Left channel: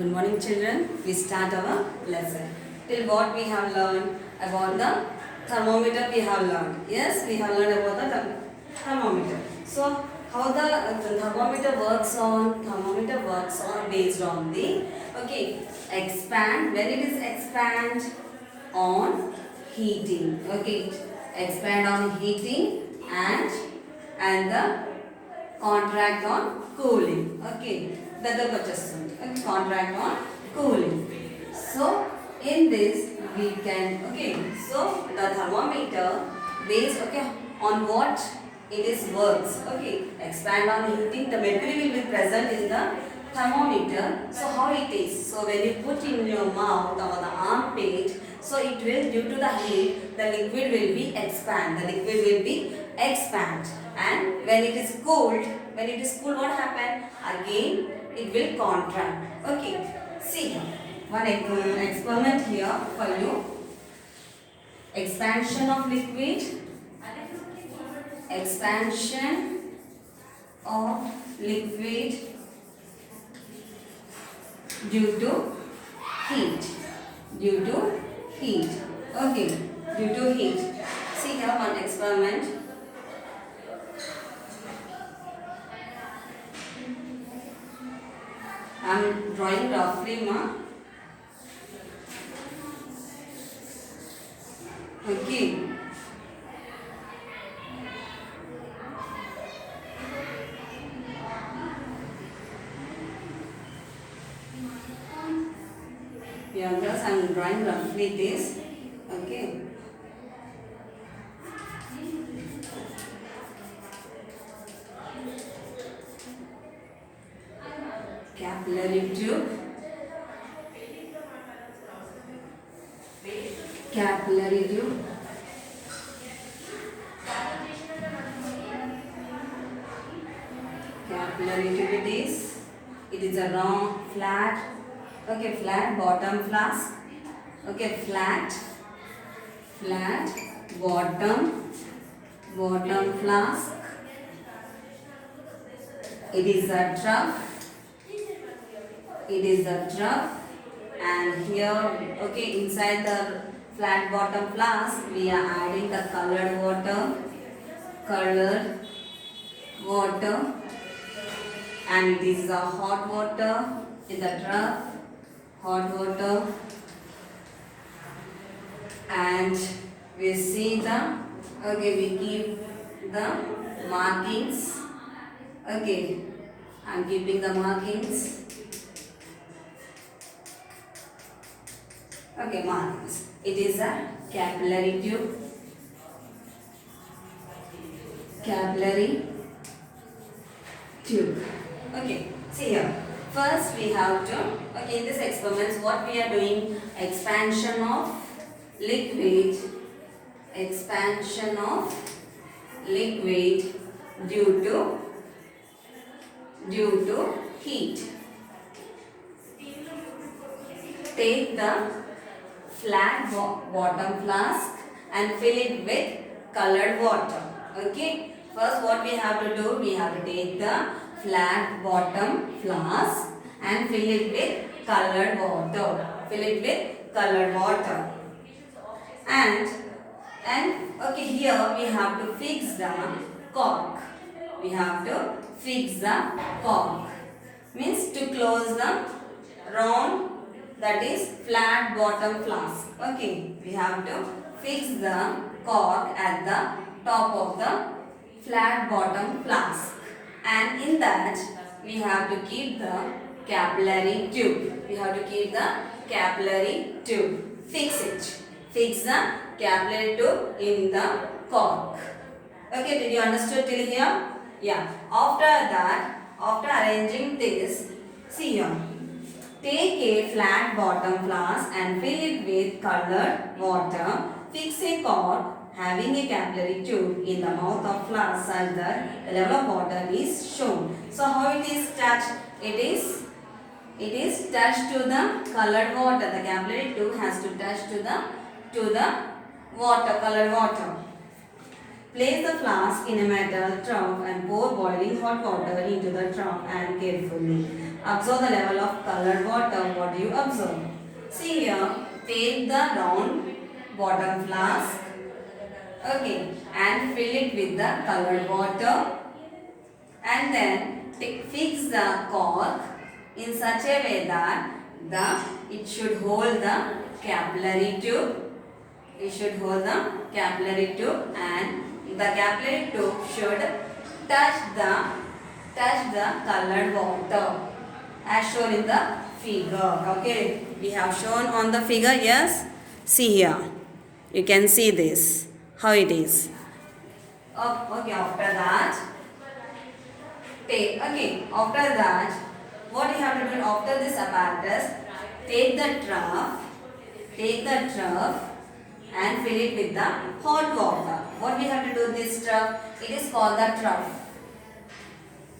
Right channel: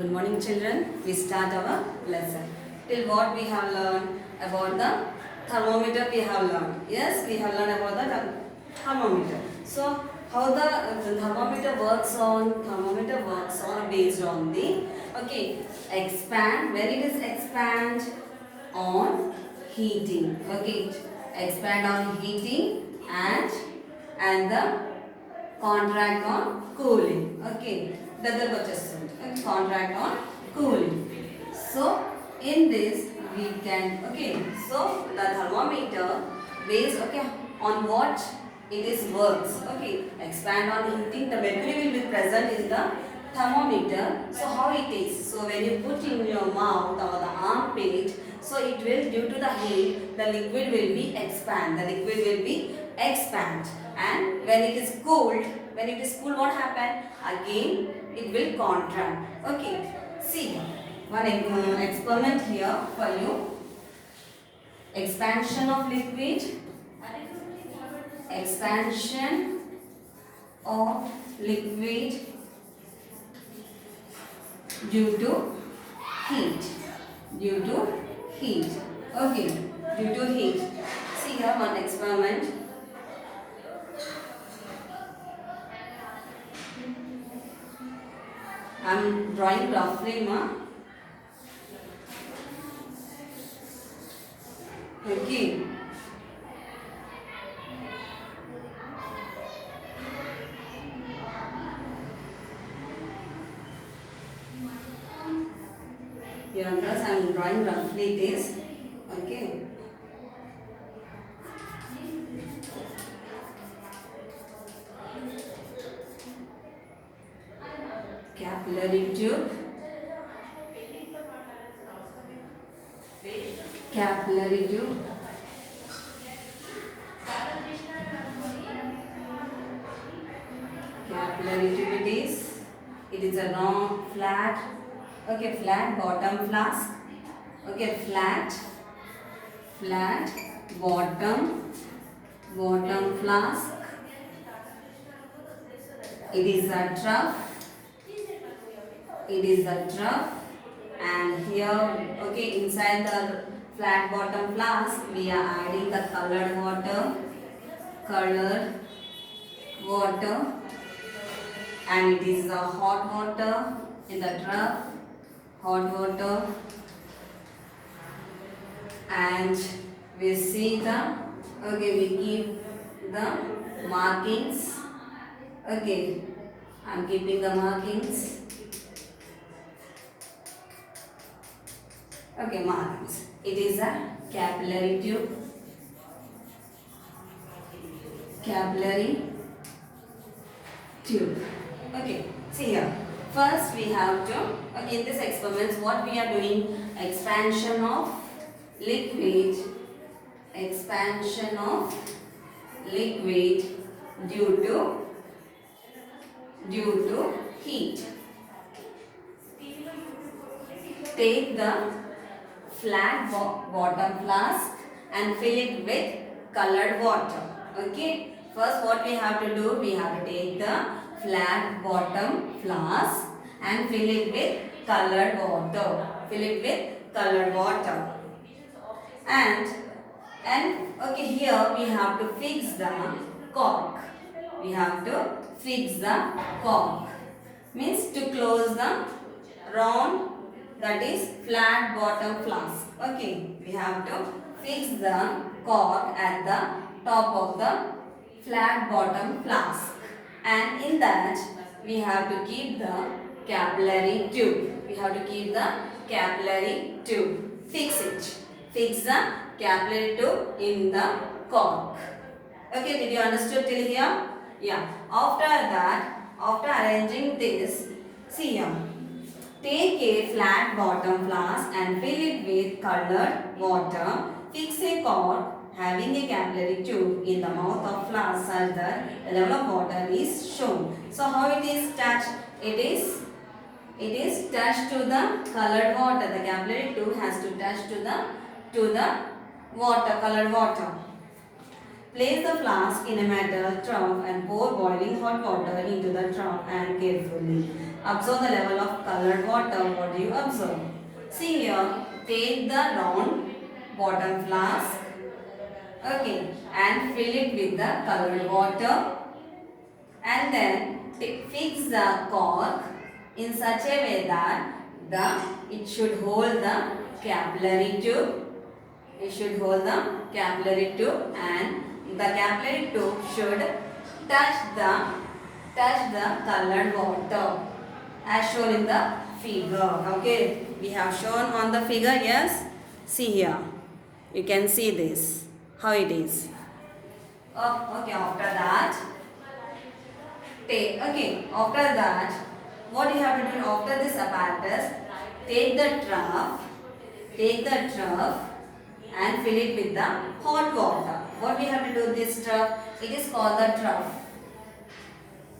Good morning, children. We start our lesson. Till what we have learned about the thermometer we have learned. Yes, we have learned about the thermometer. So, how the thermometer works on? Thermometer works on based on the expand. When it is expand on heating. Okay, expand on heating and the contract on cooling. Okay, that వచ్చేస్తుంది. Okay, contract on cooling. So in this we can so the thermometer based on what it is works. Okay, expand on heating. The mercury will be present in the thermometer. So how it is? So when you put in your mouth or the armpit, so it will, due to the heat, the liquid will be expand. The liquid will be expand. And when it is cooled, what happen? Again it will contract. Okay, see one experiment here for you. Expansion of liquid. Expansion of liquid due to heat. Due to heat. Okay, due to heat. See here one experiment. I am drawing roughly, ma. Okay. Yeah, thus I am drawing roughly this. Okay. Capillary tube. Capillary tube. Capillary tube it is. It is a round, flat, flat bottom flask. Okay, flat bottom flask. It is a trough. It is a trough, and here inside the flat bottom flask we are adding the colored water, and it is a hot water in the trough, hot water, and we see the we keep the markings. Okay, I am keeping the markings. Okay, markings. It is a capillary tube. Capillary tube. Okay, see here. First we have to, in this experiments what we are doing, expansion of liquid. Expansion of liquid due to heat. Take the flat bottom flask and fill it with colored water. Okay, first what we have to do, we have to take the flat bottom flask and fill it with colored water. Fill it with colored water. And here we have to fix the cork. We have to fix the cork. Means to close the round, that is flat bottom flask. Okay, we have to fix the cork at the top of the flat bottom flask, and in that we have to keep the capillary tube. We have to keep the capillary tube. Fix it. Fix the capillary tube in the cork. Okay, did you understood till here? Yeah. After that, after arranging this, see here. Take a flat bottom flask and fill it with colored water. Fix a cork having a capillary tube in the mouth of flask such that the level of water is shown. So how it is touched? It is touched to the colored water. The capillary tube has to touch to the water, colored water. Place the flask in a metal trough and pour boiling hot water into the trough and carefully observe the level of colored water. What do you observe? See here, take the round bottom flask, okay, and fill it with the colored water, and then fix the cork in such a way that it should hold the capillary tube. It should hold the capillary tube, and the capillary tube should touch the colored water as shown in the figure. Okay, we have shown on the figure. Yes, see here. You can see this how it is. Okay, after that, what you have to do after this apparatus, take the trough and fill it with the hot water. What we have to do this trough? It is called the trough.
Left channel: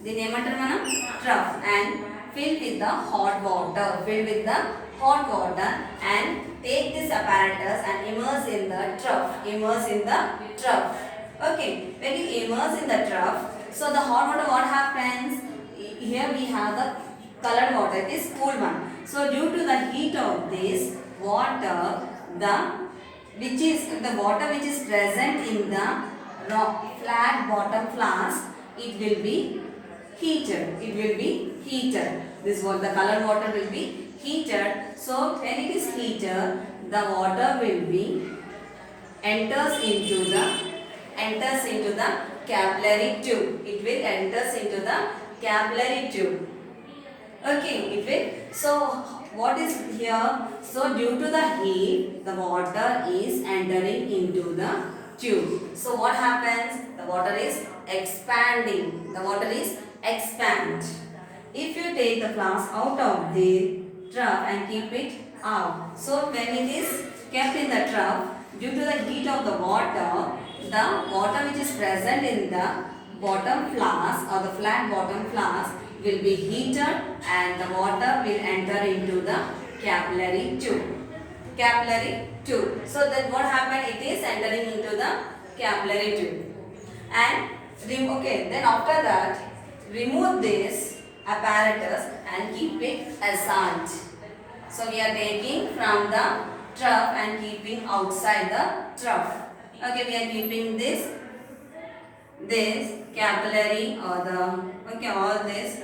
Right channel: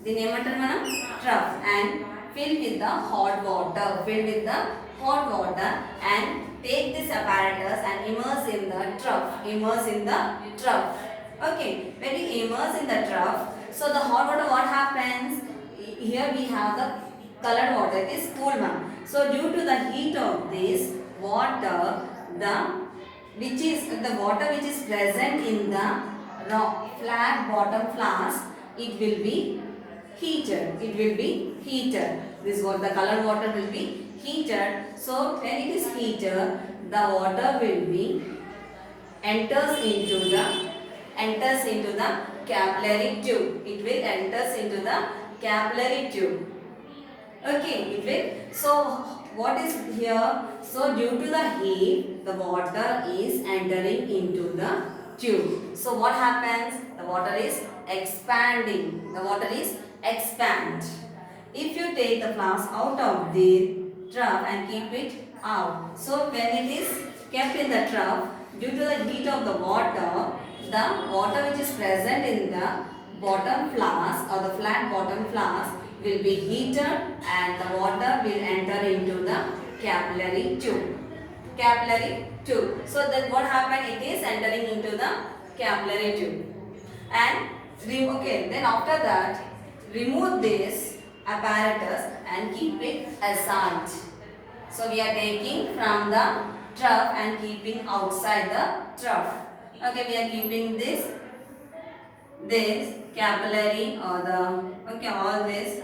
The name trough, and fill with the hot water. Fill with the hot water and take this apparatus and immerse in the trough. Immerse in the trough. Okay, when you immerse in the trough, so the hot water, what happens? Here we have the colored water. It is cool one. So due to the heat of this water, the water which is present in the flat bottom flask, it will be heated. It will be heated. This what the colored water will be heated. So when it is heated, the water will be enters into the capillary tube. It will enters into the capillary tube. Okay, it will. So what is here? So due to the heat, the water is entering into the tube. So what happens? The water is expanding. The water is expand. If you take the flask out of the trough and keep it out, so when it is kept in the trough, due to the heat of the water which is present in the bottom flask or the flat bottom flask will be heated, and the water will enter into the capillary tube. So that what happened? It is entering into the capillary tube. And then after that, remove this apparatus and keep it aside. So we are taking from the trough and keeping outside the trough. Okay, we are keeping this capillary or all this.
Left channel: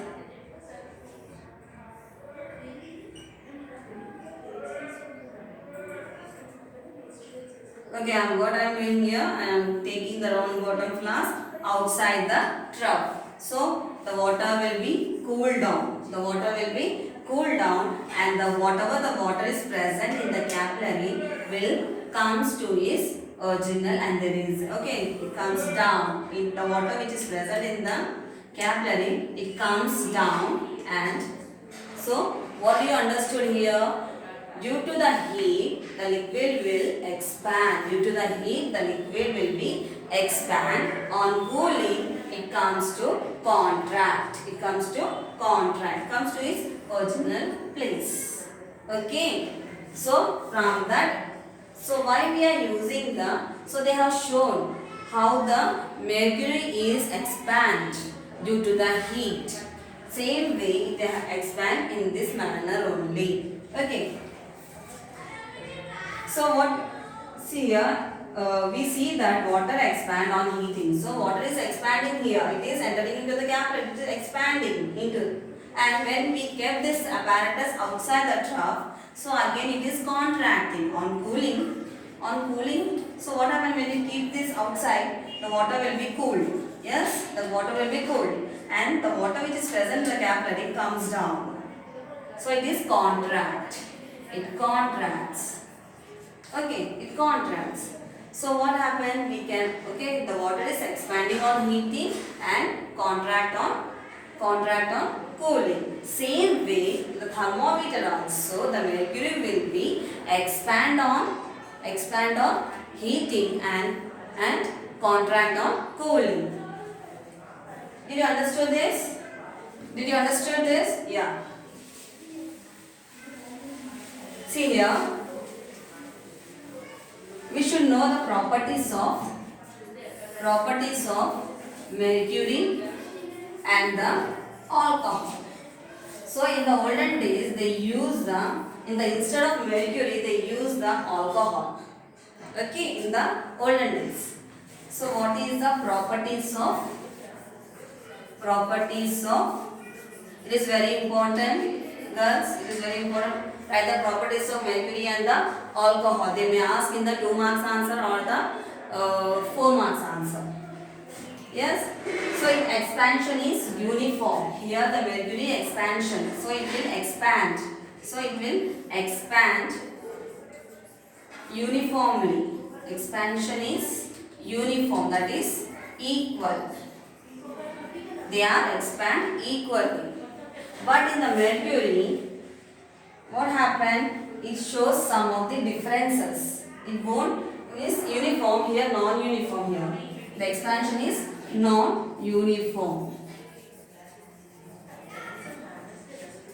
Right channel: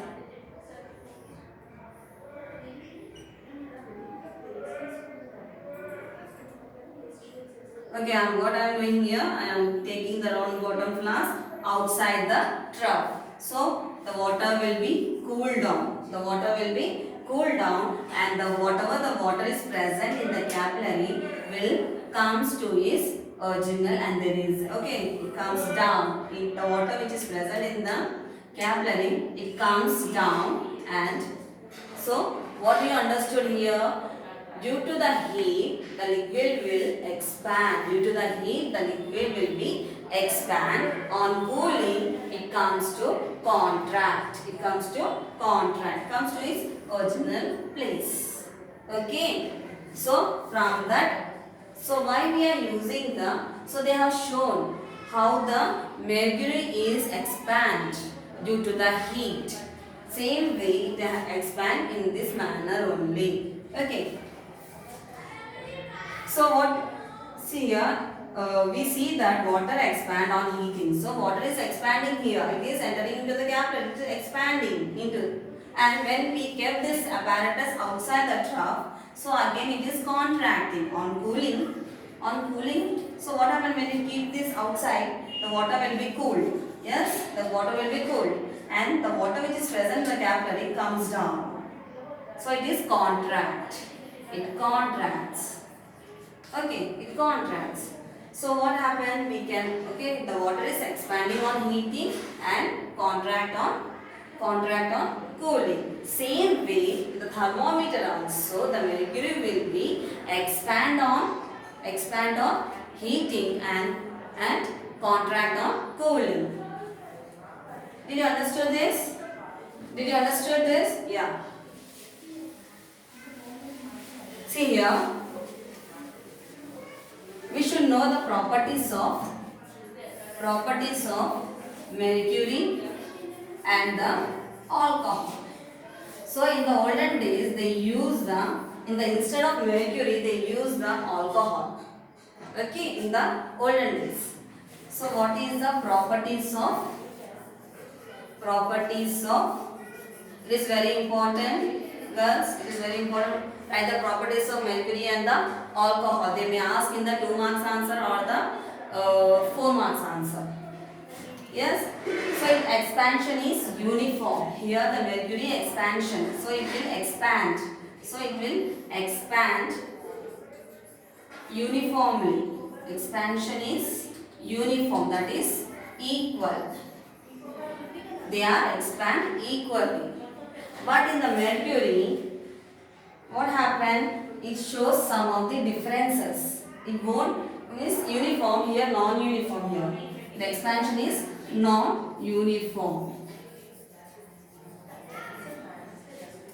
Okay, what I am doing here, I am taking the round bottom flask outside the trough. So the water will be cooled down. The water will be cooled down, and whatever the water is present in the capillary will comes to its original, and it comes down. In the water which is present in the capillary, it comes down, and so what you understood here? Due to the heat, the liquid will expand. Due to the heat, the liquid will be expand. On cooling, it comes to contract. It comes to its original place. Okay. So from that, so why we are using so they have shown how the mercury is expand due to the heat. Same way they expand in this manner only. Okay. So see here, we see that water expand on heating. So water is expanding here. It is entering into the capillary. It is expanding into. And when we kept this apparatus outside the trough, so again it is contracting. On cooling. So what happens when you keep this outside? The water will be cooled. Yes, the water will be cooled, and the water which is present in the capillary comes down. So it is contract. It contracts. Okay, it contracts. So what happened? The water is expanding on heating and contract on cooling. Same way, the thermometer also, the mercury will be expand on heating and contract on cooling. Did you understand this? Yeah. See here. We should know the properties of Properties of mercury and the alcohol. So in the olden days, they use instead of mercury, they use the alcohol. Okay, in the olden days. So what is the properties of? It is very important, girls. It is very important. Write the properties of mercury and the alcohol. They may ask in the 2 marks answer or the 4 marks answer. Yes. So its expansion is uniform. Here the mercury expansion. So it will expand. So it will expand uniformly. Expansion is uniform, that is equal. They are expand equally. But in the mercury, what happened? It shows some of the differences. It won't is uniform here, non-uniform here. The expansion is non-uniform.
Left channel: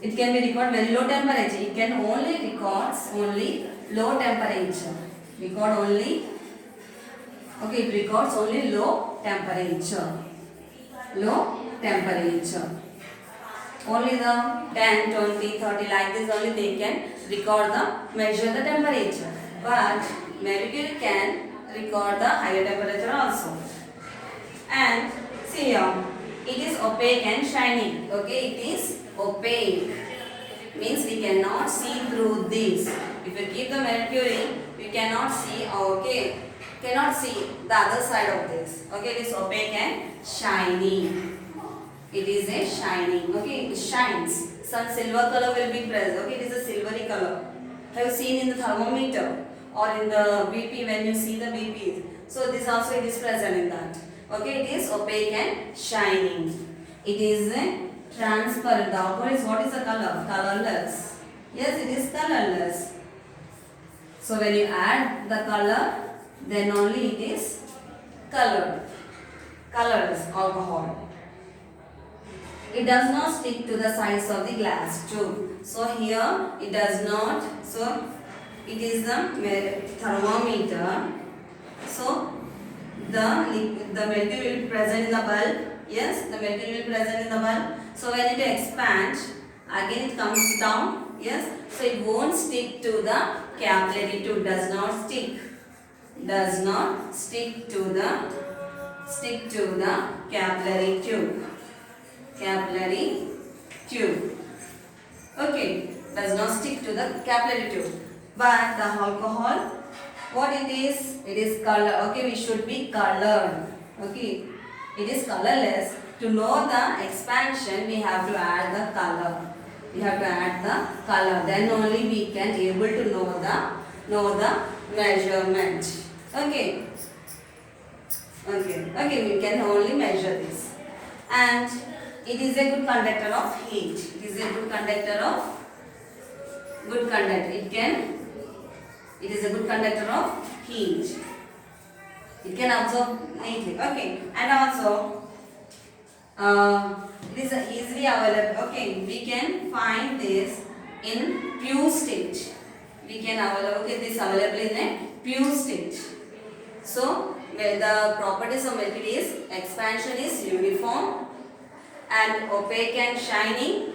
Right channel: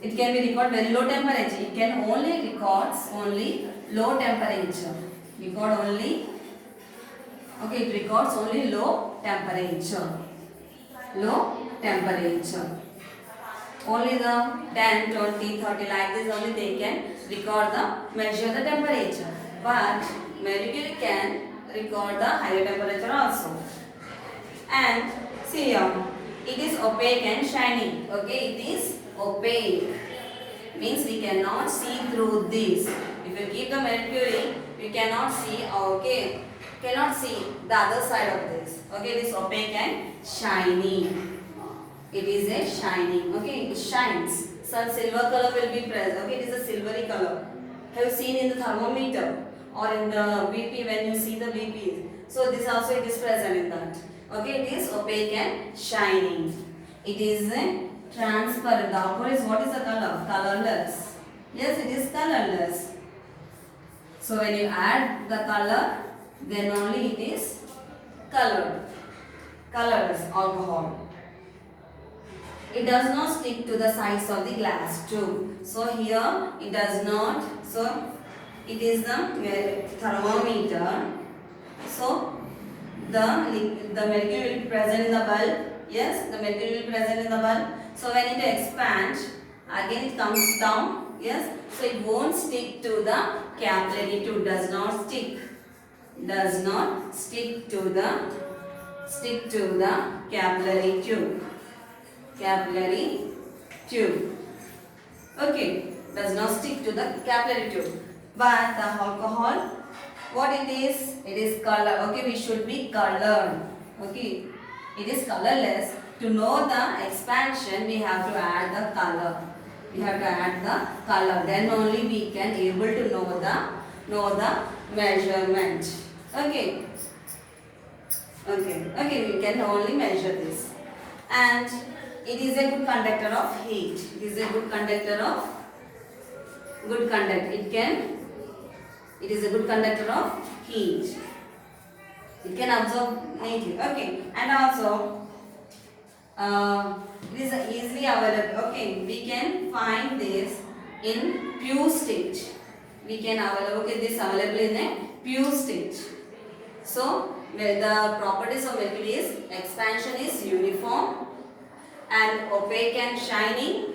It can be recorded very low temperature. It can only records only low temperature. Record only. Okay, it records only low temperature. Low temperature. Only the 10, 20, 30 like this only they can measure the temperature. But mercury can record the higher temperature also. And see here, it is opaque and shiny. Okay, it is opaque. Means we cannot see through this. If you keep the mercury, you cannot see. Okay, cannot see the other side of this. Okay, it is opaque and shiny. It is a shining. Okay, it shines. Some silver color will be present. Okay, it is a silvery color. Have you seen in the thermometer or in the BP when you see the BP? So this also it is present in that. Okay, it is opaque and shining. It is transparent. The outward is what is the color? Colorless. Yes, it is colorless. So when you add the color, then only it is colored. Colorless alcohol. It does not stick to the sides of the glass tube. So here it does not. So it is the thermometer. So the mercury will be present in the bulb. Yes, the mercury will be present in the bulb. So when it expands, again it comes down. Yes, so it won't stick to the capillary tube. Does not stick. Does not stick to the capillary tube. Capillary tube. Okay, does not stick to the capillary tube. But the alcohol, what it is? It is color. Okay, we should be colored. Okay, it is colorless. To know the expansion, we have to add the color. We have to add the color. Then only we can able to know the measurement. Okay. Okay, we can only measure this. And it is a good conductor of heat. It is a good conductor of it is a good conductor of heat. It can absorb heat. Okay, and also it is easily available. Okay, we can find this in pure state. We can available. Okay, this available in a pure state. So where the properties of mercury is expansion is uniform and opaque and shining,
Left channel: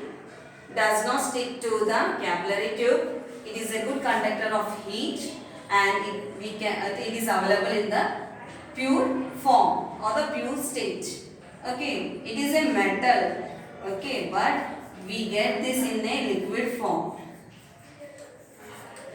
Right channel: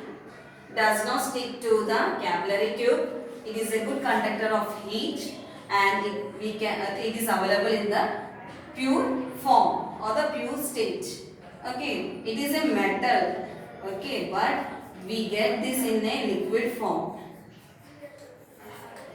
does not stick to the capillary tube. It is a good conductor of heat and it is available in the pure form or the pure state. Okay, it is a metal. Okay, but we get this in a liquid form.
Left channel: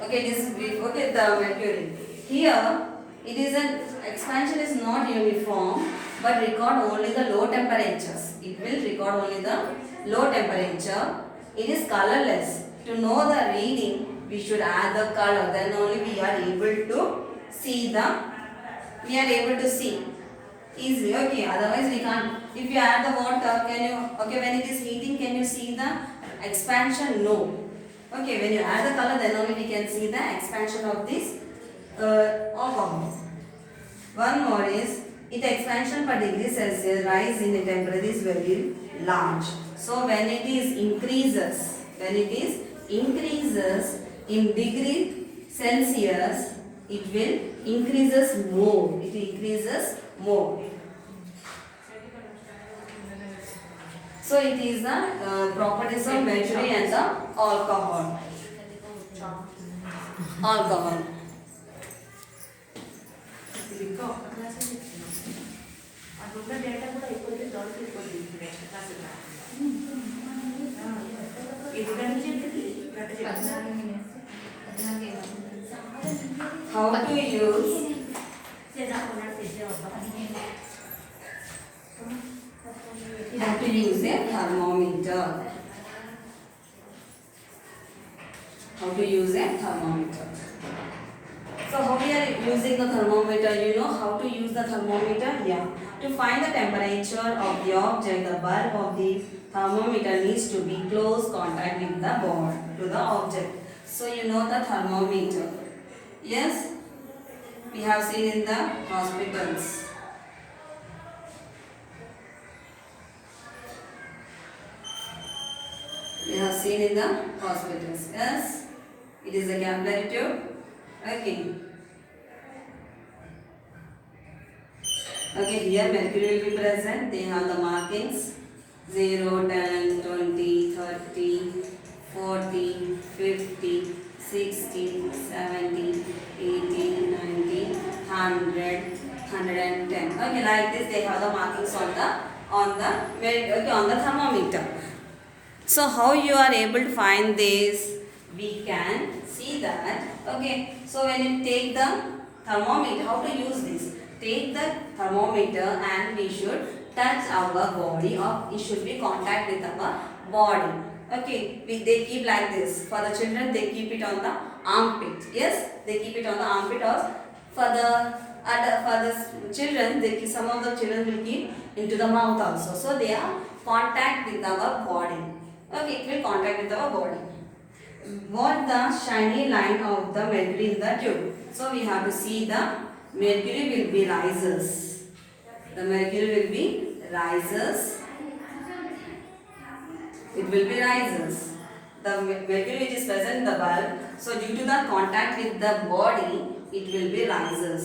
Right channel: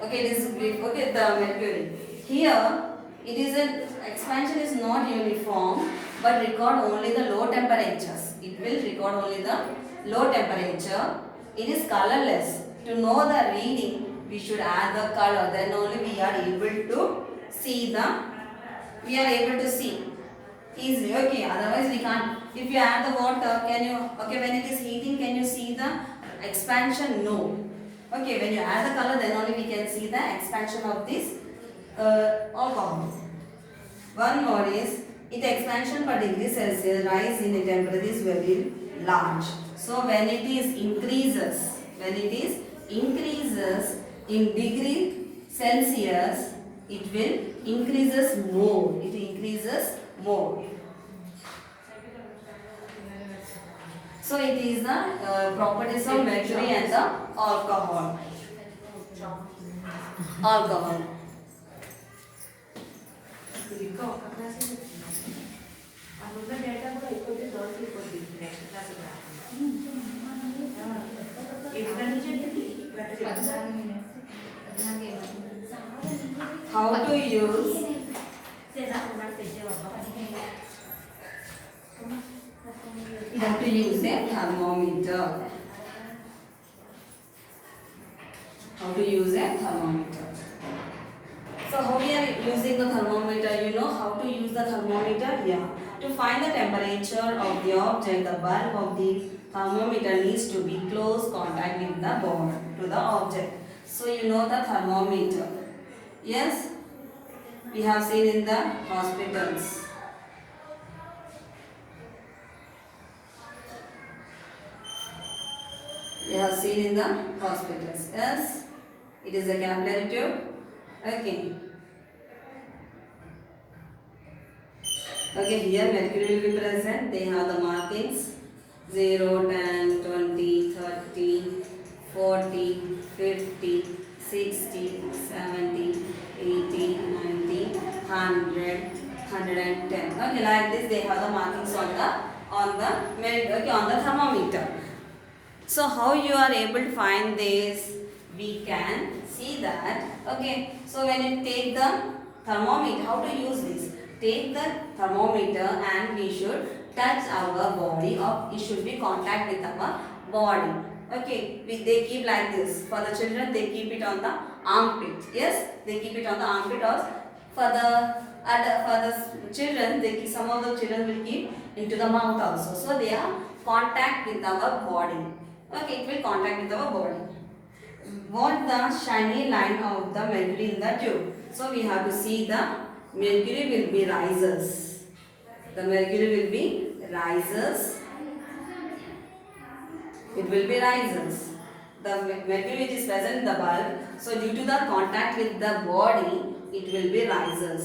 Okay, this is okay the mercury. Here it is an expansion is not uniform but record only the low temperatures. It will record only the low temperature. It is colorless. To know the reading, we should add the color. Then only we are able to see easily. Okay, otherwise we can't. If you add the water, can you? Okay, when it is heating, can you see the expansion? No. Okay, when you add the color, then only we can see the expansion of this alcohol. One more is its expansion per degree Celsius rise in the temperature is very large. So when it increases in degree Celsius, it will increases more. It increases more. So it is the properties of mercury and the alcohol. Alcohol. How to use? How to use a thermometer? How to use a thermometer? So how we are using the thermometer? You know how to use the thermometer? Yeah. To find the temperature of the object, the bulb of the thermometer needs to be close contact with the board to the object. So you know the thermometer. Yes, we have seen in the hospitals. We have seen in the hospitals. Yes, it is a capillary tube. Okay. Okay, here mercury will be present. They have the markings 0, 10, 20, 30, 40, 50, 60, 70, 80, 90, 100, 110. Okay, like this they have the markings on the thermometer. So how you are able to find this? We can see that. Okay, so when you take the thermometer, how to use this? Take the thermometer and we should touch our body, or it should be contact with our body. Okay, they keep like this. For the children, they keep it on the armpit. Yes, they keep it on the armpit. Or for the children, some of the children will keep into the mouth also. So they are contact with our body. Okay, it will contact with our body. What the shiny line of the mercury in the tube? So we have to see the mercury will be rises. The mercury will be rises. It will be rises. The mercury which is present in the bulb. So due to the contact with the body, it will be rises.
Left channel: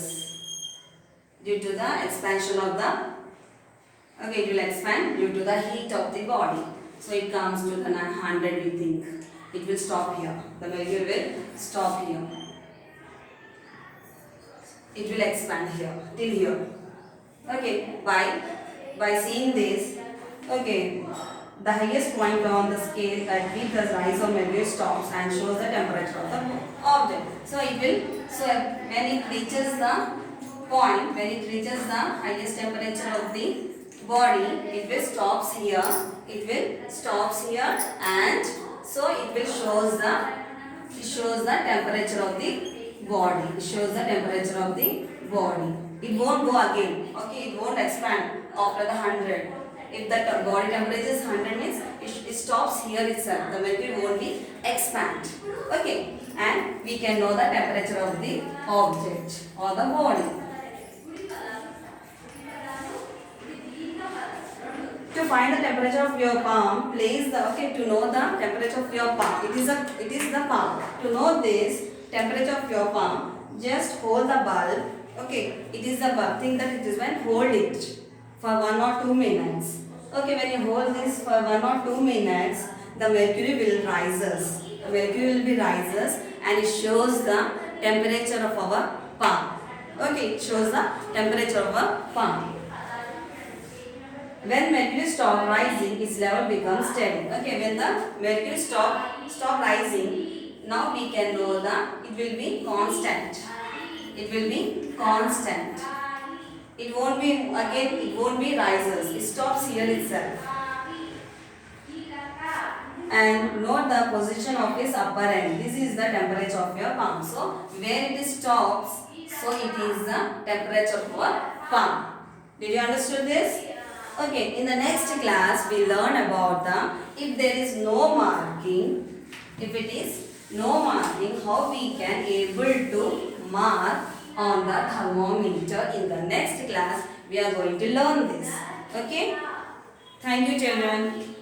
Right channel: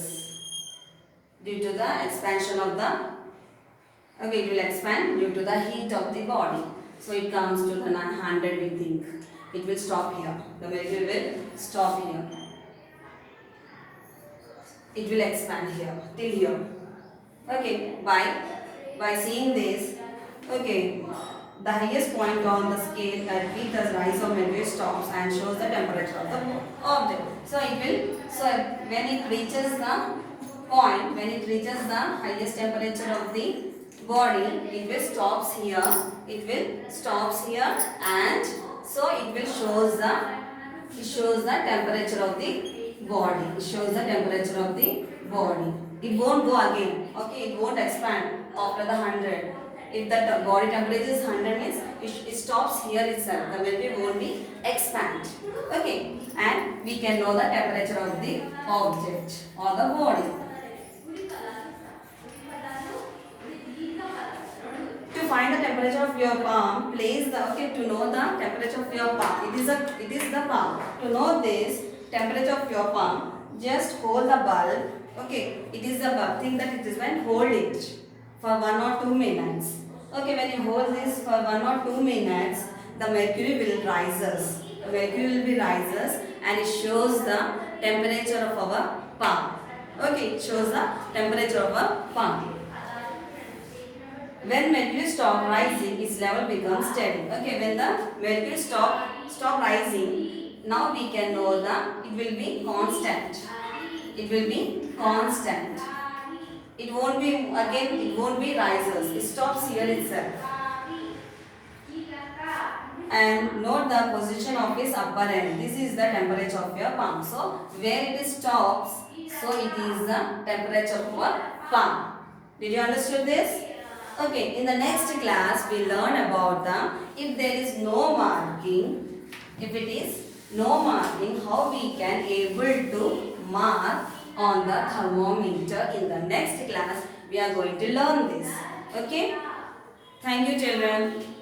Due to the expansion of the, okay, it will expand due to the heat of the body. So it comes to the 100 we think. It will stop here. The mercury will stop here. It will expand here till here. Okay, by seeing this, okay, the highest point on the scale at which the rise of mercury stops and shows the temperature of the object. So it will, so when it reaches the point, when it reaches the highest temperature of the body, it will stops here. It will stops here, and so it will shows the temperature of the body. It shows the temperature of the body. It won't go again. Okay, it won't expand after the 100. If the body temperature is 100 means it stops here itself. The mercury won't be expand. Okay, and we can know the temperature of the object or the body. To find the temperature of your palm, place the, okay, to know the temperature of your palm. It is the palm. To know this temperature of your palm, just hold the bulb. Okay, it is the bulb. Think that it is when hold it for 1 or 2 minutes. Okay, when you hold this for 1 or 2 minutes, the mercury will rises. The mercury will be rises, and it shows the temperature of our palm. Okay, it shows the temperature of our palm. When mercury stop rising, its level becomes steady. Okay, when the mercury stop rising, now we can know that it will be constant. It will be constant. It won't be again. It won't be rises. It stops here itself. And note the position of its upper end. This is the temperature of your palm. So where it stops, so it is the temperature of your palm. Did you understand this? Okay, in the next class we learn about if there is no marking, if it is no marking, how we can able to mark on the thermometer. In the next class we are going to learn this. Okay, thank you children.